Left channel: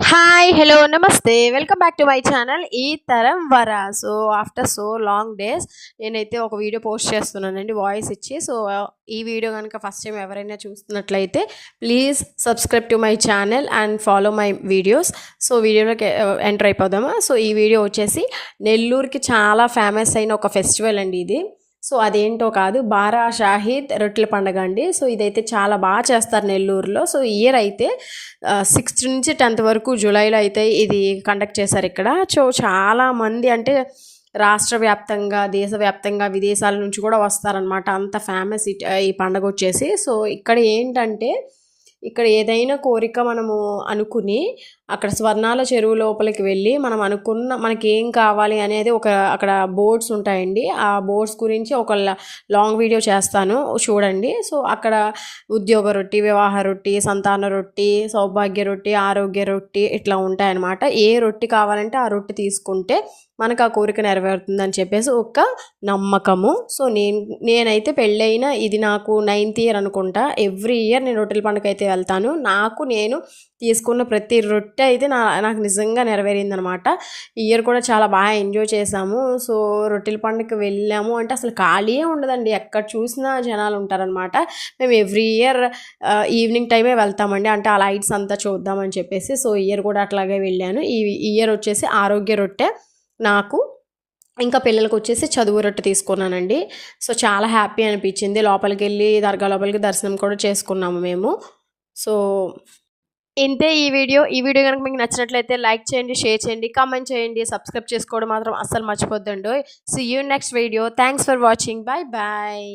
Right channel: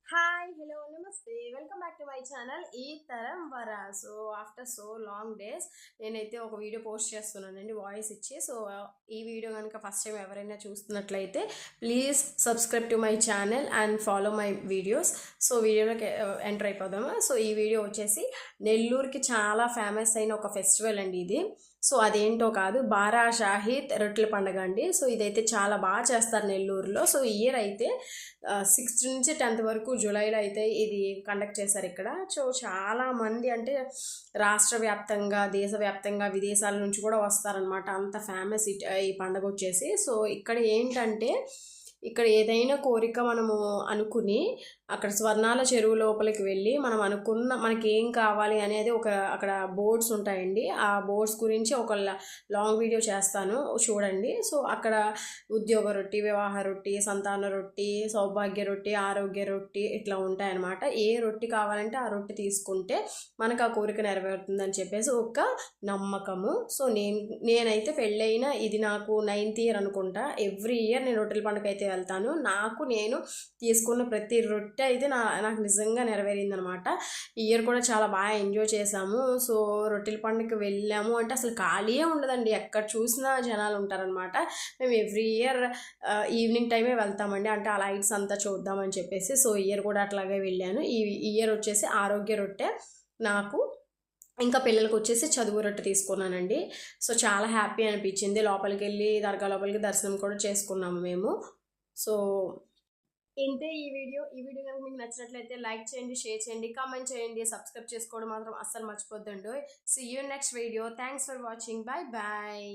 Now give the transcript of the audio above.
Hi hello నమస్తే. Welcome back to my channel ఈ తరం వర. So after so long days నేనైతే ఒక వీడియో పోస్ట్ చేస్తున్నానండి వాయిస్ ఇచ్చి. సో ఈ వీడియో కనుక ఫస్ట్ టైం ఎవరైనా చూస్తున్నట్లయితే please subscribe to my channel and follow my videos so వీడియోలోకి uh, ఎంటర్ అయిపోదామా? సో ఈ వీడియో వచ్చేసి నెల్లూరుకి చాలా ఫేమస్ అయిన ఒక ఫెస్టివల్ అండి ఇది. సో అదేంటో కాదు బారా షాహిద్ రొట్టెల పండుగ అండి. సో ఇదైతే చాలా బాగా చేస్తారు నెల్లూరులో. సో ఇయర్ అయితే సిక్స్త్ నుంచి టెన్త్ వరకు జూలైలో అయితే ఇది కండక్ట్ చేశారు ఇక్కడ. సో చాలా మంది అంటే రాష్ట్ర వ్యాప్తంగా దేశవ్యాప్తంగా విదేశాల నుంచి కూడా వస్తారనమాట అంత ఫేమస్ ఈ పండుగ వచ్చేసి. సో ఇక్కడ ఏంటంటే ఇక్కడ ఏదైనా కోరిక మనము అనుకుని అక్కడ స్వర్ణాల చెరువు లోపలికి వెళ్ళి మనం అనుకున్న మనకి ఏం కావాలి అనేది ఒక అక్కడ బోర్డ్స్ ఉంటాయండి. ఆ బోర్డ్స్ గురించి ఒక లాంగ్ వీడియో చేస్తాను చూడండి. సో అక్కడ ఉద్యోగ రొట్టి వివాహ రొట్టి సంతాన రొట్టి సౌభాగ్య రొట్టి ఆరోగ్య రొట్టి ఇట్లా ఉంటాయన్నమాట. ఏ రొట్టి కావాలంటే ఆ రొట్టి తీసుకుంటే మనకు ఆ కోరిక నెరవేరుతుందని చెప్పేసి ఒక నమ్మకము. సో నేను నేనైతే పెళ్ళైన ఇది నాకు నైన్త్ ఇయర్ అనుకుంటా. ఎవ్రీ ఇయర్ నేను రొట్టెల పండుగ అయితే వెళ్తాను. నాకు నేను తీసుకున్న ప్రతి రొట్టె అయితే నా నాకు నిజంగా నెరవేరిందనమాట. ఇయర్ కూడా చాలా బాగా ఎంజాయ్ చేశాము సో రొట్టెల పండుగకి వెళ్ళాము. అంటే అసలు ఖాళీయే ఉండదండి. ఎక్కడ చూసినా జనాలు ఉంటారనమాట. మేము ఎవ్రీ ఇయర్ ఈవినింగ్ టైమే వెళ్తామండి. అంటే ఆ లైట్స్ అంతా చూద్దామని చెప్పేసి సో ఇయర్ కూడా అట్లాగే వెళ్ళాను. ఈ ఇయర్ వచ్చేసి ఆరోగ్య రొట్టె నాకు. ఇంకా పిల్లలకు వచ్చేసి చదువు రొట్టె తీసుకున్నానండి. సో చాలా హ్యాపీ అనిపించింది. లోపలికి వెళ్ళి దర్గా లోపలికి దర్శనం కూడా చేసుకున్నాము మేము. సో ఇంతే ఈ వీడియో. ఈ వీడియో కనుక మీకు నచ్చినట్లయితే లైక్ చేయండి షేర్ చేయండి కామెంట్ చేయండి సబ్స్క్రైబ్ చేసుకోవడం మాత్రం అస్సలు మర్చిపోద్దండి see you next video thanks for watching bye bye